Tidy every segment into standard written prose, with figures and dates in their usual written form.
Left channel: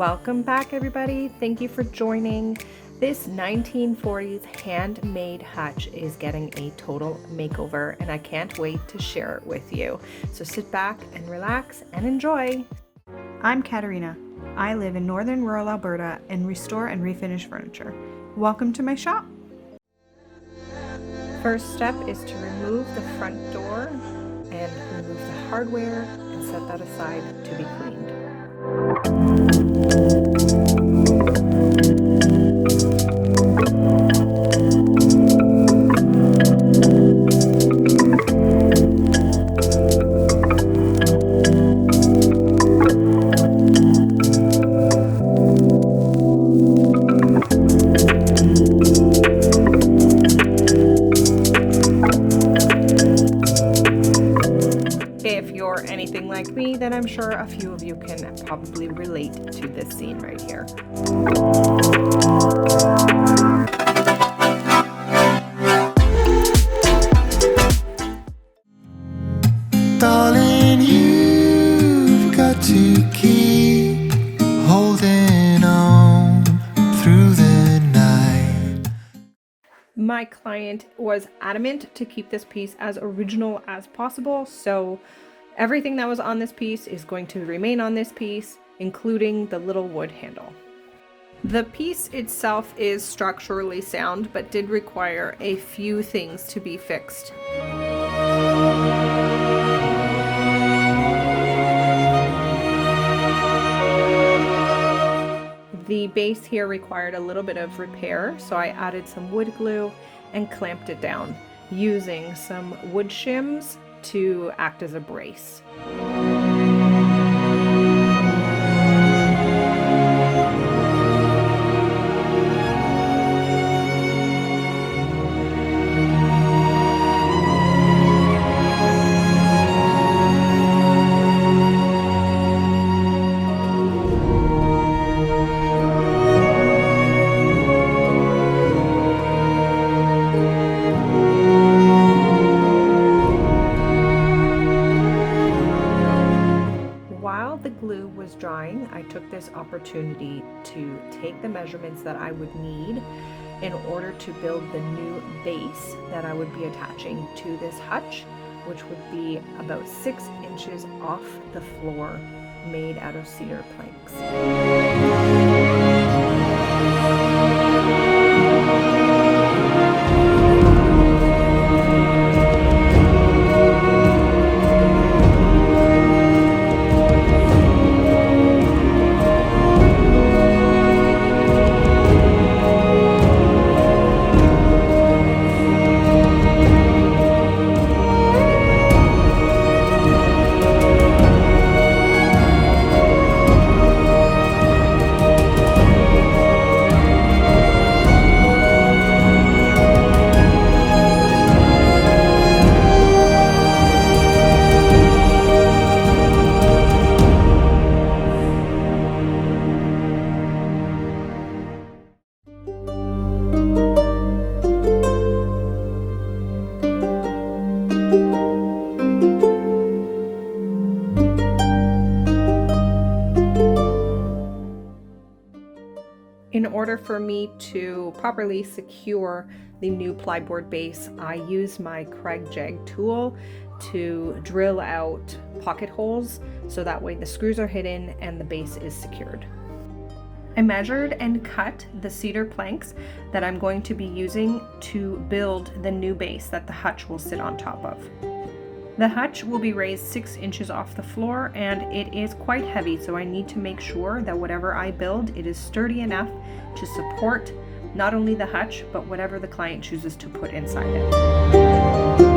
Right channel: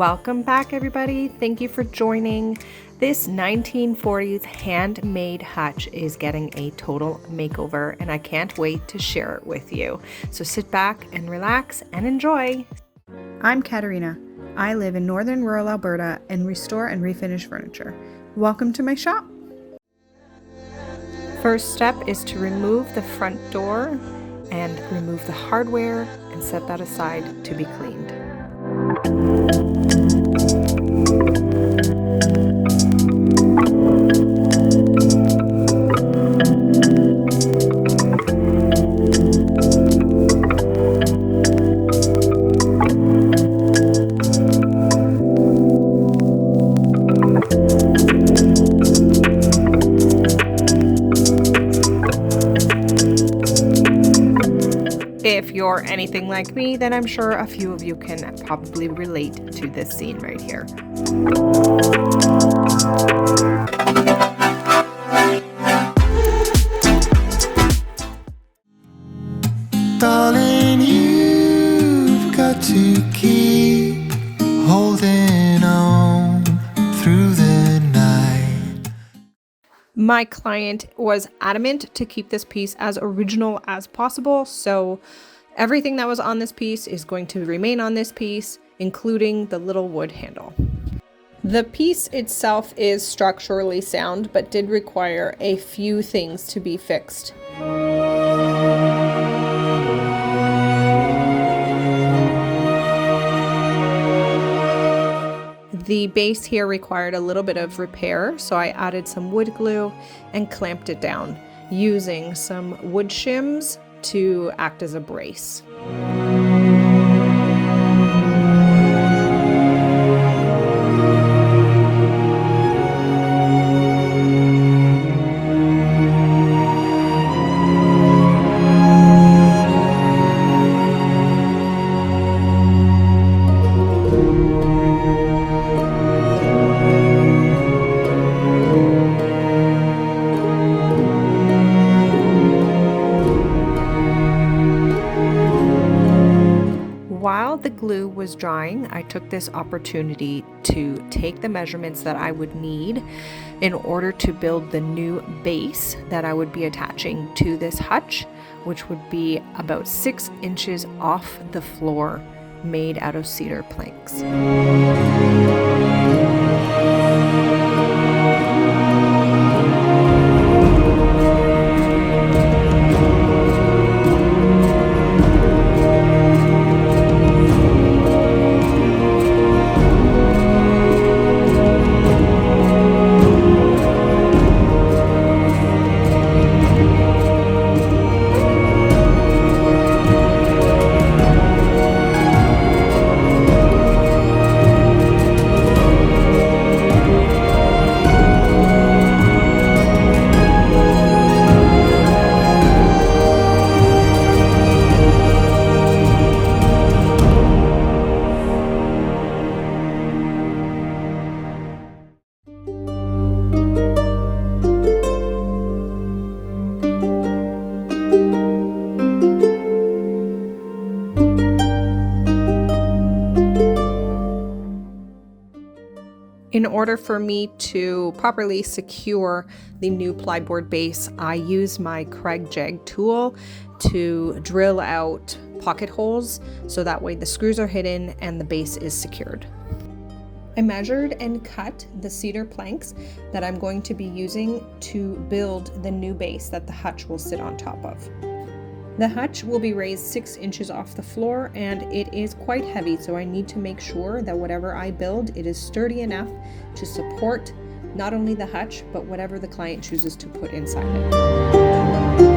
Welcome back, everybody. Thank you for joining. This 1940s handmade hutch is getting a total makeover, and I can't wait to share it with you. So sit back and relax and enjoy. I'm Katarina. I live in northern rural Alberta and restore and refinish furniture. Welcome to my shop. First step is to remove the front door and remove the hardware and set that aside to be cleaned. If you're anything like me, then I'm sure a few of you can probably relate to this scene right here. Darling, you've got to keep holding on through the night. My client was adamant to keep this piece as original as possible, so everything that was on this piece is going to remain on this piece, including the little wood handle. The piece itself is structurally sound, but did require a few things to be fixed. The base here required a little bit of repair, so I added some wood glue and clamped it down using some wood shims to act as a brace. While the glue was drying, I took this opportunity to take the measurements that I would need in order to build the new base that I would be attaching to this hutch, which would be about 6 inches off the floor, made out of cedar planks. In order for me to properly secure the new plyboard base, I use my Kreg Jag tool to drill out pocket holes so that way the screws are hidden and the base is secured. I measured and cut the cedar planks that I'm going to be using to build the new base that the hutch will sit on top of. The hutch will be raised 6 inches off the floor, and it is quite heavy, so I need to make sure that whatever I build, it is sturdy enough to support not only the hutch, but whatever the client chooses to put inside it.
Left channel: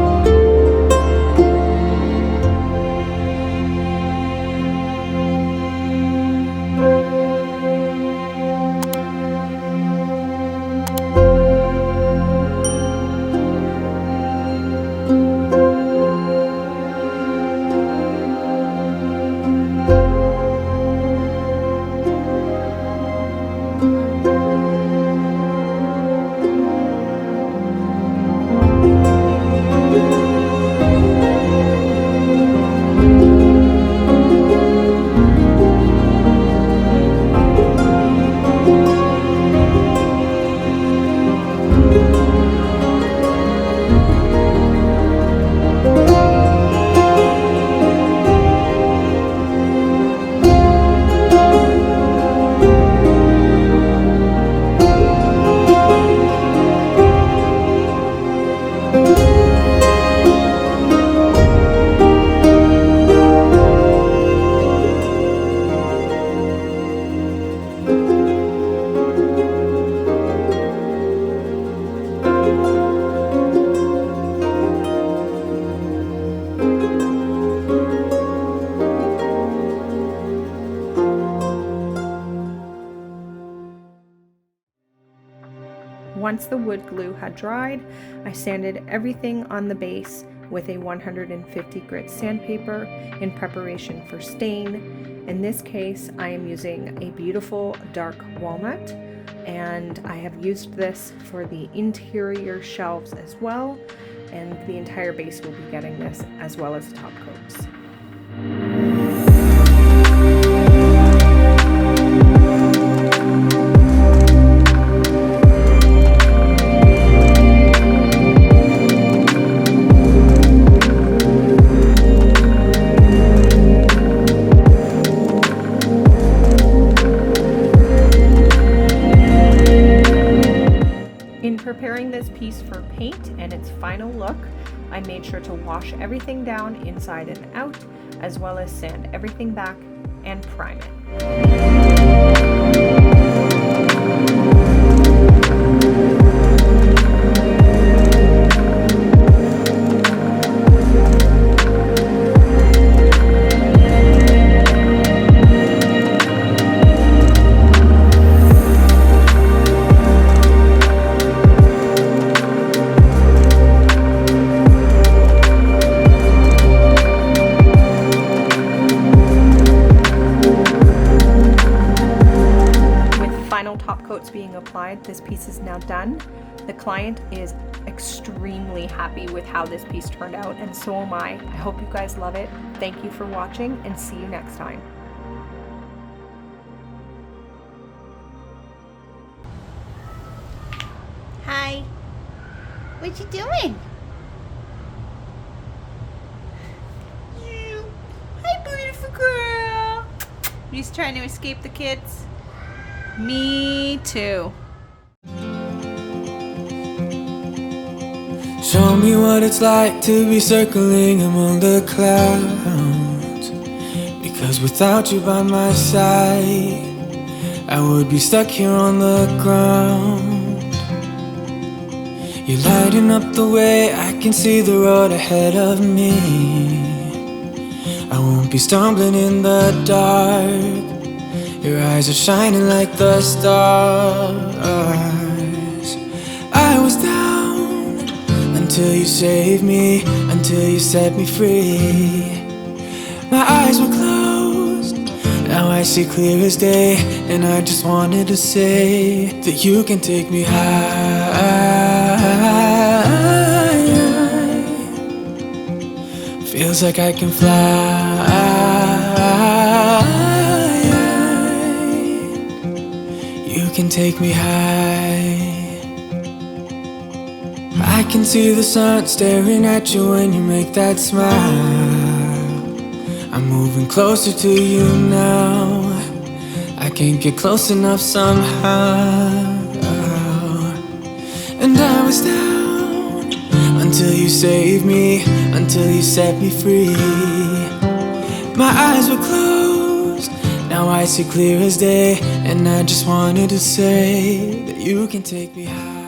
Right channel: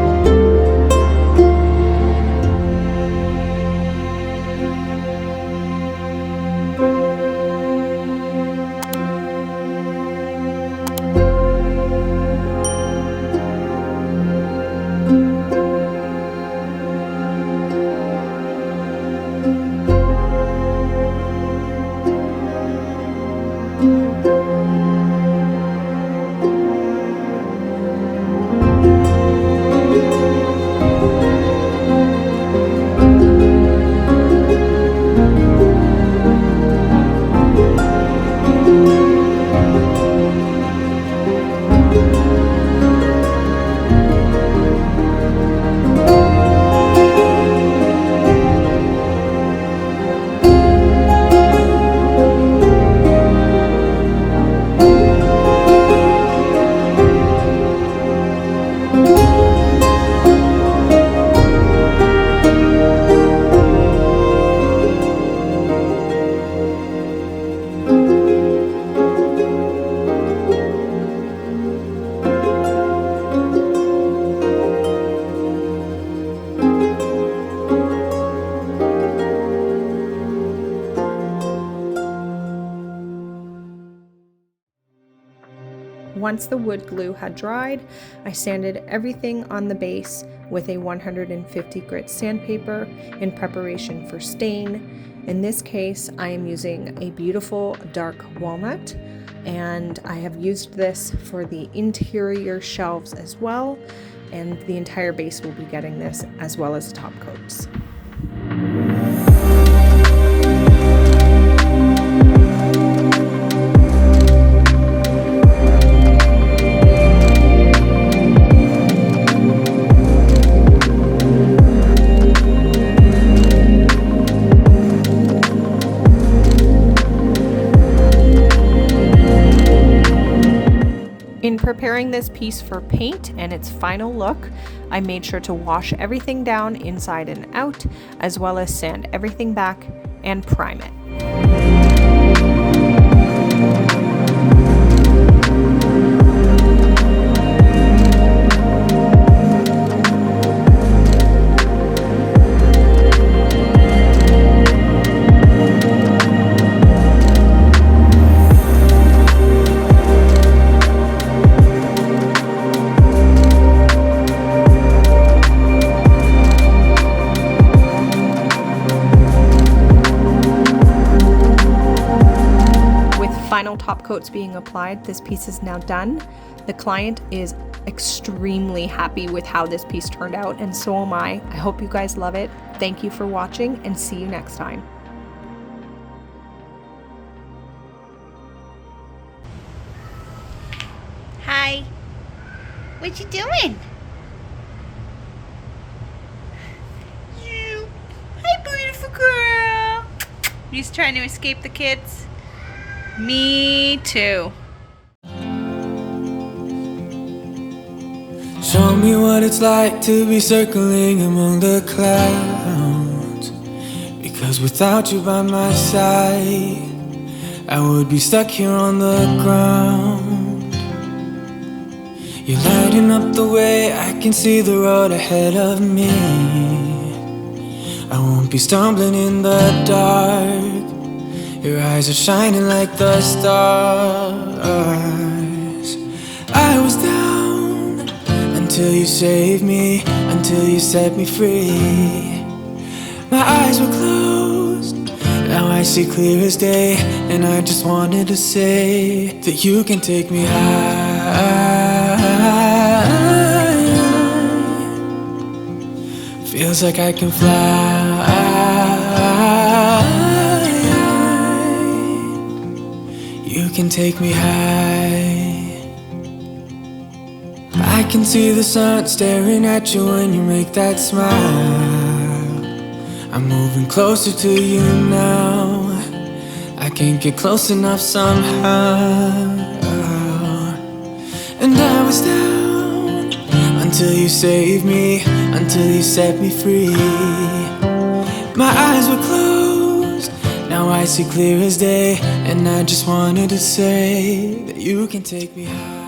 Once the wood glue had dried, I sanded everything on the base with a 150 grit sandpaper in preparation for stain. In this case, I am using a beautiful dark walnut, and I have used this for the interior shelves as well, and the entire base will be getting this as well as the top coats. In preparing this piece for paint and its final look, I made sure to wash everything down inside and out, as well as sand everything back and prime it. Final top coats being applied, this piece is now done. The client is extremely happy with how this piece turned out, and so am I. I hope you guys love it. Thank you for watching, and see you next time. Hi. What you doing? You. Hi, beautiful girl. You just trying to escape the kids? Me too. Show me what it's like to be circling among the clouds. Because without you by my side, I would be stuck here on the ground. You're lighting up the way, I can see the road ahead of me. I won't be stumbling in the dark. Your eyes are shining like the stars. I was down until you saved me, until you set me free. My eyes were closed, now I see clear as day. And I just wanted to say that you can take me high. Feels like I can fly. You can take me high. I can see the sun staring at you when you make that smile. I'm moving closer to you now. I can't get close enough somehow. And I was down until you saved me, until you set me free. My eyes were closed, now I see clear as day. And I just wanted to say that you can take me high.